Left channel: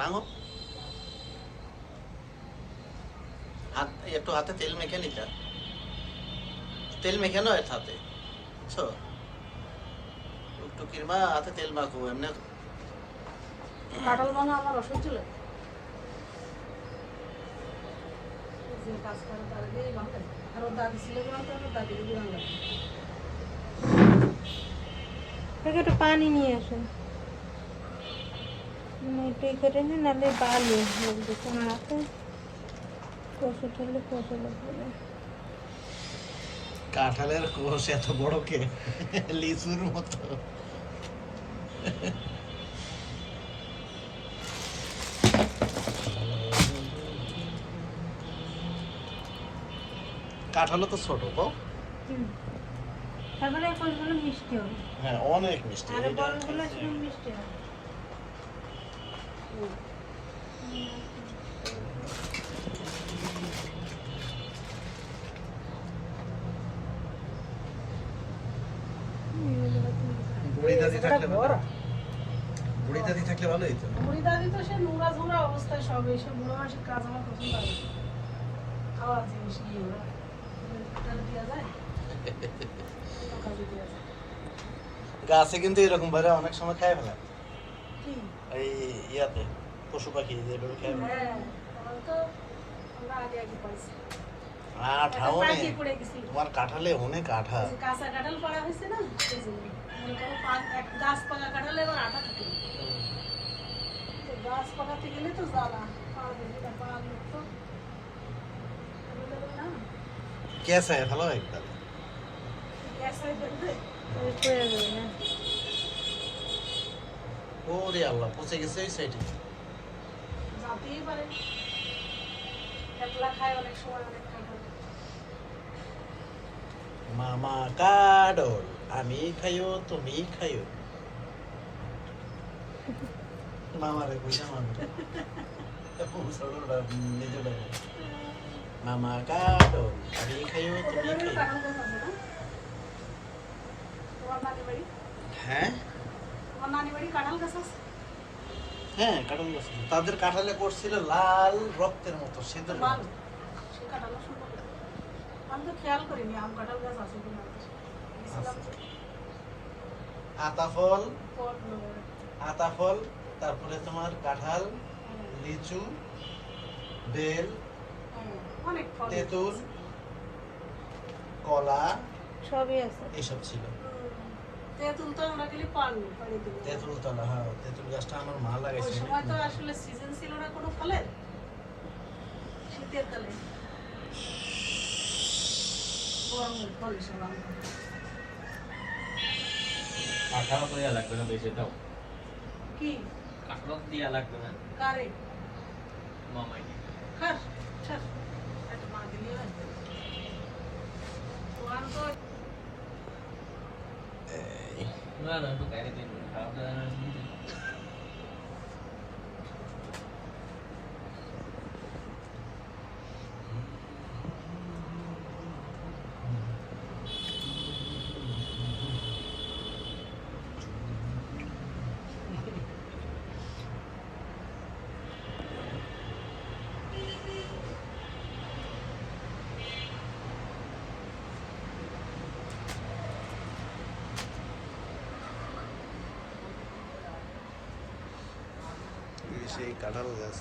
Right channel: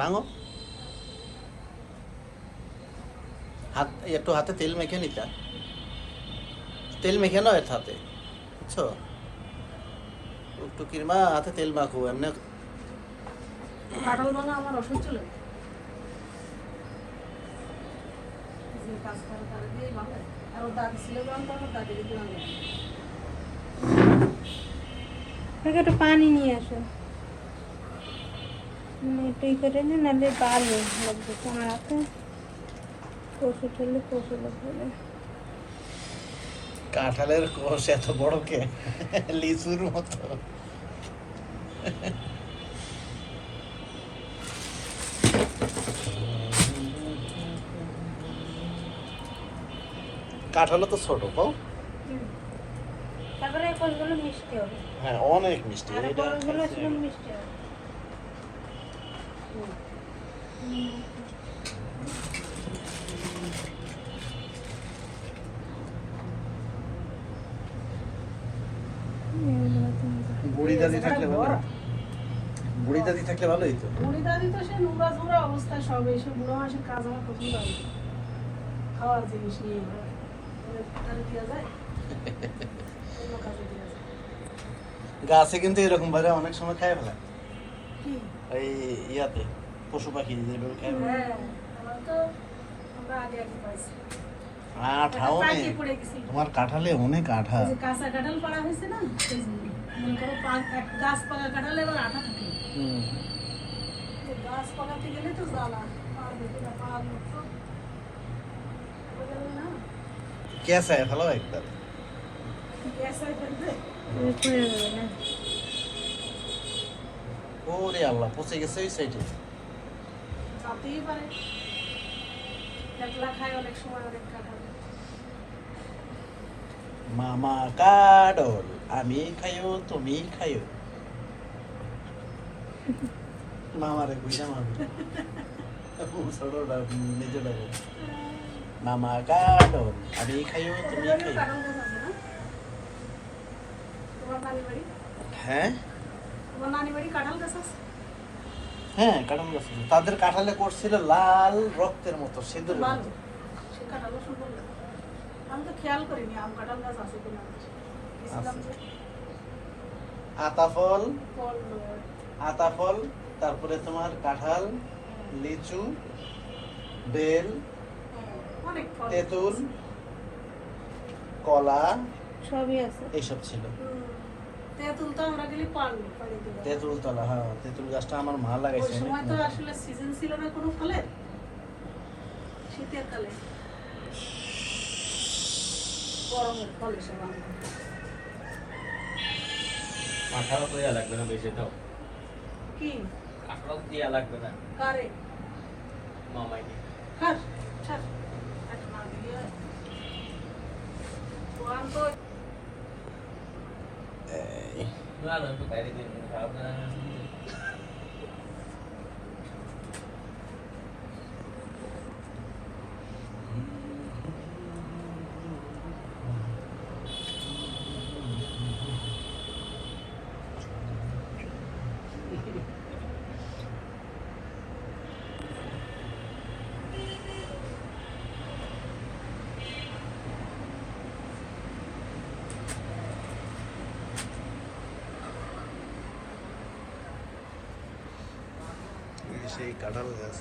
ভাঙো, হাত একটু হাতে তেল মেখে নিতা, তেল মেখে নাও এর হাতে, বুঝছো? টুকটুকির মা হাতে তেল মাখো এমনি। কাঁঠাল ভাঙা আমার অসহ্য লাগে। কাজ করে তার আগেই মাথায় আরো দাগ ছিল না, তো দাগের দিলাম লাগে। একটু পানি নিয়ে আসো, কেটে নিন, নাহলে বার হয়ে কাঁঠালের কোষ এত বড় কে, লিচুর মতো। কাঁঠালও তো ছোট, কও। তারপরে ফলগুলো মিষ্টি হবে। হ্যাঁ, অনেক মিষ্টি। আর এটা ফলগুলো সেরকম মিষ্টি হবে। বুড়ি দাদি থাকলে ভালো, বুড়ি দাদি থাকলে ভালো হইতো। বুড়ি দাদি তো সে নোংরা ঝোড়া অবস্থায় সব এইসব বুড়ো মানুষের কাজ আমার পছন্দ লাগে। খাওয়ার জিনিস নিয়ে দেওয়া যায়, গাছে কিন্তু এরকম ভাবে অনেক সময় খায় ফেলা, কি এই ইয়াতে পশু পাখি যেভাবে খায় ফেলা। আঠাও নেই তোমার কাঁঠালে, অনেক আঠা। কাঁচা কাঁঠাল পাড়া হয়েছে না, সেই জন্য মনে করো গাছ পাকা কাঁঠালে এবার আঠা থাকে। গাছ পাকাতে গেলে তো জ্বালা, কেসায় ফেলো একবার। ওরে আল্লাহ, পচে গেছে ওই সাইডে। জাতেই পারে, একলা খায় অনেক সময় অনেক কাঁঠাল। মামা কাডল, আমি খাইও তুমি খাইও। মামারে বুঝা মামি ছোটটা নিজে লাগে। মামা কাডল, আমি খাইও তুমি খাইও। তোমার নানি বাড়ি, হ্যাঁ তোমার নানি বাড়ি কাঁঠাল গাছ আছে? হ্যাঁ, কাঁঠাল গাছ আছে। তাদের কাঁঠালে করছিল লাল রক্তের মতো, সেদের লাল, মতো। সে কাঁঠালও সুন্দর লাগে। আমি তো খেয়াল করিনি আম কাঁঠাল গাছ আছে কিনা। গেছিলাম যে আতাফল, ফল নেবো। আতাফল, তারপরে তোমার কাঁঠাল, লিচু, বেল, অনেক ফল তেঁতুল, কলা, সবই আছে। এইসব ছিল। তেঁতুল তো আমরা গেলে পানি দিকে। তেঁতুল তলা, হ্যাঁ, তেঁতুল গাছটা আমার মা ওই লাগাইছে অনেক। সময় তো আসলে সিজন ছিল না কোনো ফলের, শীতের কালে গরমের ফল হিসেবে আমরা আঠারো তো ইয়া লাগবে না, বেশি দাও। কি 18 ইয়া লাগবে না। কারে মামাই খাস খাস আজ মা দিয়ে কোয়ান তো না না, একটু বাইরে দিন, খারাপ না। সেই কাঁঠাল গাছ।